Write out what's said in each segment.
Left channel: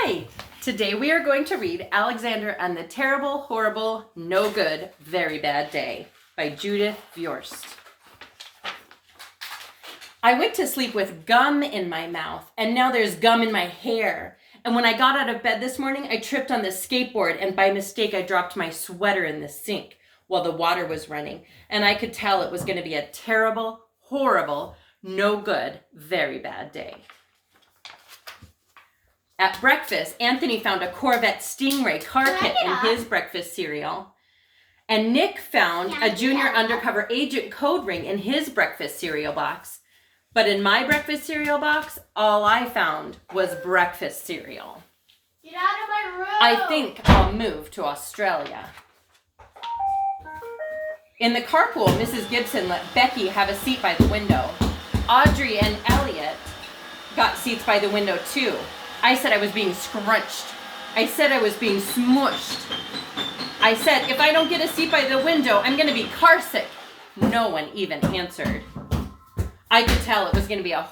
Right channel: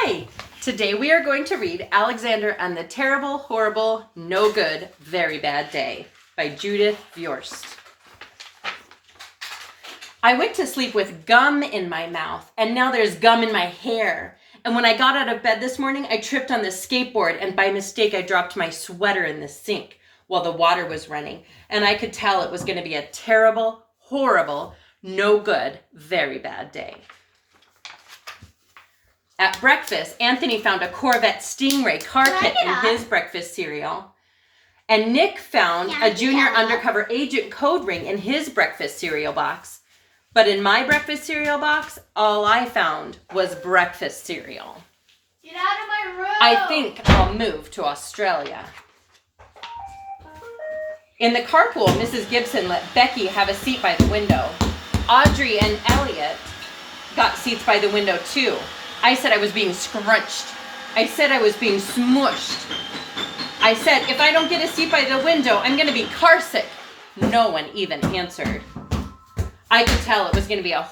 Hi! Today we are going to read Alexander and the Terrible, Horrible, No Good, Very Bad Day by Judith Viorst. I went to sleep with gum in my mouth, and now there's gum in my hair. And when I got out of bed this morning, I tripped on the skateboard, and by mistake I dropped my sweater in the sink while the water was running. And I could tell it was going to be a terrible, horrible, no good, very bad day. At breakfast, Anthony found a Corvette Stingray car kit in his breakfast cereal. And Nick found a junior undercover agent code ring in his breakfast cereal box. But in my breakfast cereal box, all I found was breakfast cereal. Get out of my room! I think I'll move to Australia. In the carpool, Mrs. Gibson let Becky have a seat by the window. Audrey and Elliot got seats by the window too. I said I was being scrunched. I said I was being smushed. I said, if I don't get a seat by the window, I'm going to be car sick. No one even answered. I could tell it was going to be a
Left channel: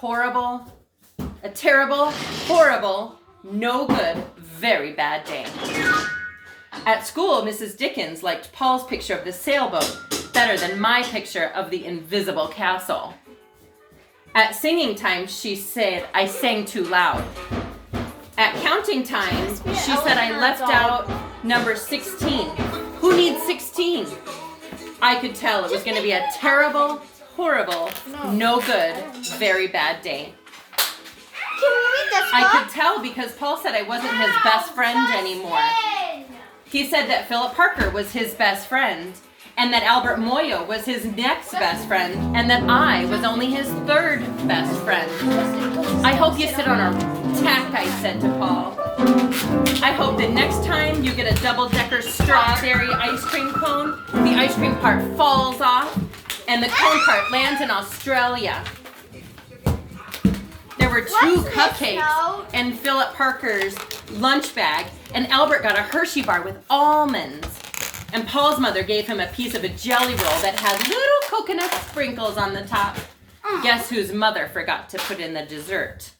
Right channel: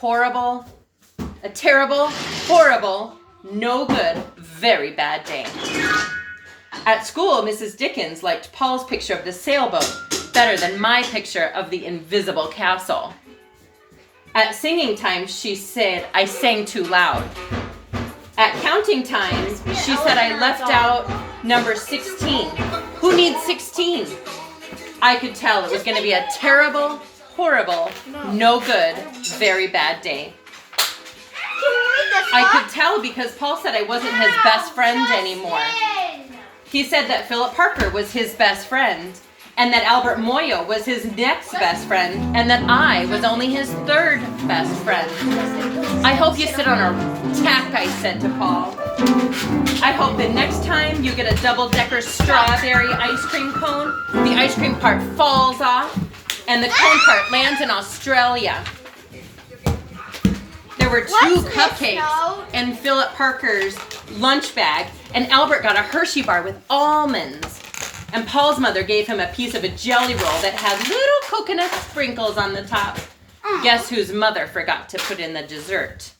terrible, horrible, no good, very bad day. At school, Mrs. Dickens liked Paul's picture of the sailboat better than my picture of the invisible castle. At singing time, she said I sang too loud. At counting time, she said I left out number 16. Who needs 16? I could tell it was going to be a terrible, horrible, no good, very bad day. I could tell because Paul said I wasn't his best friend anymore. He said that Philip Parker was his best friend, and that Albert Moyo was his next best friend, and that I was only his third best friend. I hope you sit on a tack, I said to Paul. I hope the next time you get a double-decker strawberry ice cream cone, the ice cream part falls off, and the cone part lands in Australia. There were 2 cupcakes in Philip Parker's lunch bag, and Albert got a Hershey bar with almonds. And Paul's mother gave him a piece of a jelly roll that had little coconut sprinkles on the top. Guess whose mother forgot to put in the dessert?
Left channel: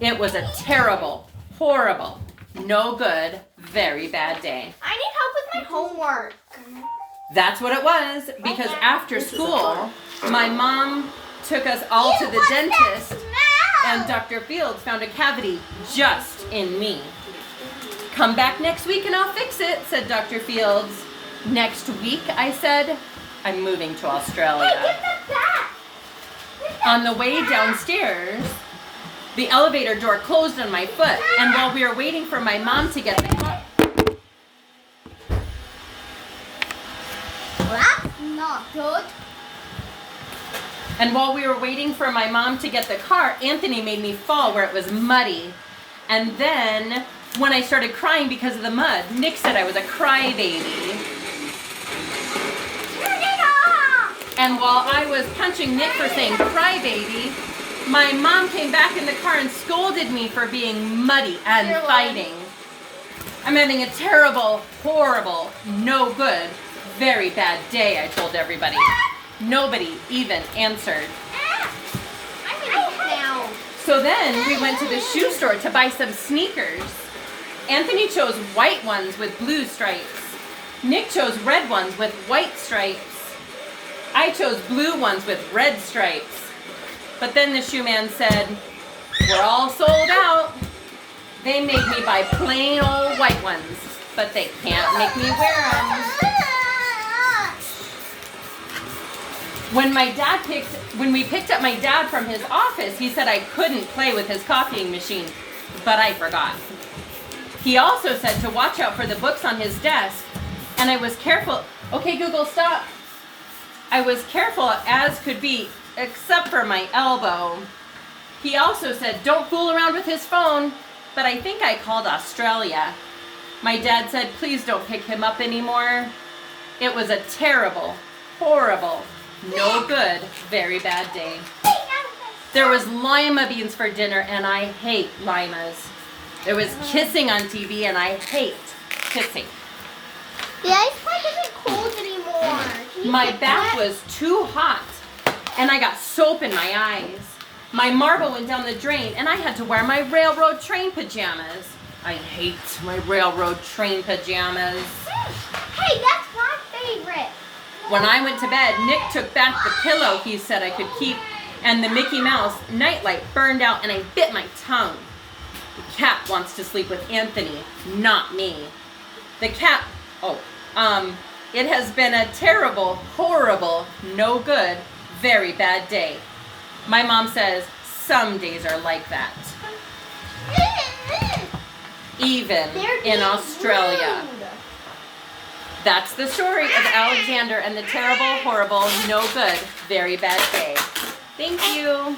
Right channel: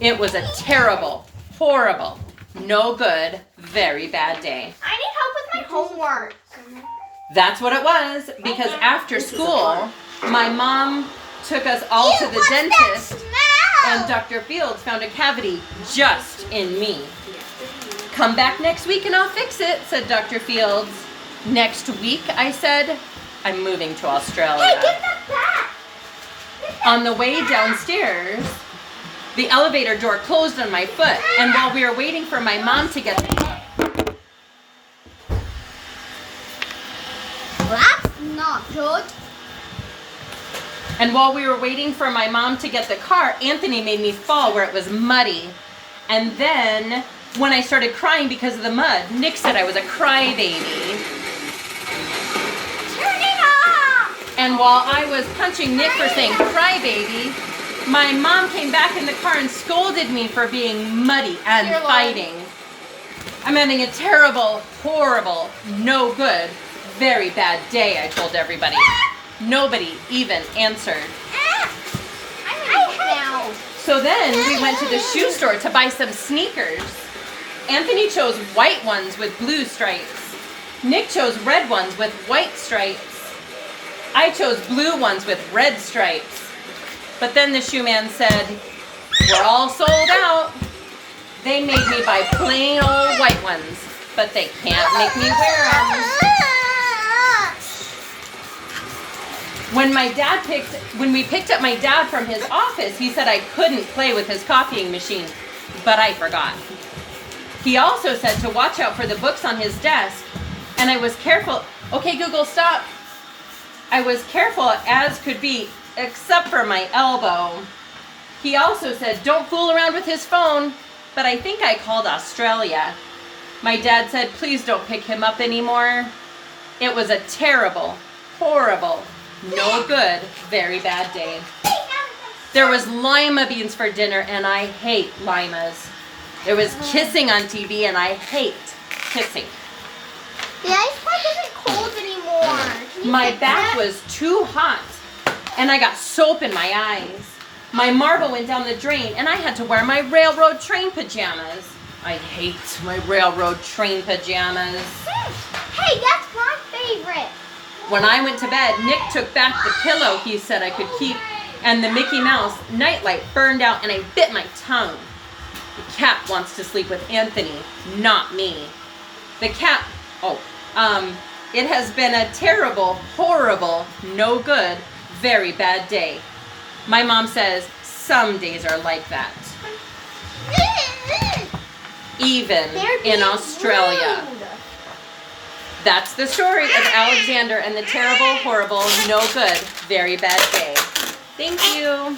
It was a terrible, horrible, no good, very bad day. I need help with my homework. That's what it was, because after school, my mom took us all to the dentist, and Dr. Fields found a cavity just in me. Come back next week and I'll fix it, said Dr. Fields. Next week, I said, I'm moving to Australia. On the way downstairs, the elevator door closed on my foot, and while we were waiting for my mom to get That's not good. And while we were waiting for my mom to get the car, Anthony made me fall where it was muddy. And then when I started crying because of the mud, Nick said I was a crybaby. Turn it off! And while I was punching Nick for saying crybaby, my mom came back in the car and scolded me for being muddy and fighting. I'm having a terrible, horrible, no good, very bad day, I told everybody. Nobody even answered. So then we went to the shoe store to buy some sneakers. Anthony chose white ones with blue stripes. Nick chose red ones with white stripes. I chose blue ones with red stripes. But then the shoe man said, we're all sold out. They made me buy plain old white ones, but they can't make me wear them. When we picked up my dad from his office, he said I couldn't play with his copying machine, but I forgot. He also said to watch out for the books on his desk, and I was careful. Okay, Google, stop. I was careful as could be, except for my elbow. He also said don't fool around with his phone, but I think I called Australia. My dad said please don't pick him up anymore. It was a terrible, horrible, no good, very bad day. There was lima beans for dinner, and I hate limas. There was kissing on TV, and I hate kissing. The ice park isn't cold anymore. My back was too hot, and I got soap in my eyes. My marble went down the drain, and I had to wear my railroad train pajamas. I hate my railroad train pajamas. Hey, that's my favorite. When I went to bed, Nick took back the pillow he said I could keep, and the Mickey Mouse nightlight burned out, and I bit my tongue. The cat wants to sleep with Anthony, not me. The cat, it has been a terrible, horrible, no good, very bad day. My mom says some days are like that. Even They're in being Australia. rude. That's the story of Alexander and the terrible, horrible, no good, very bad day. Thank you.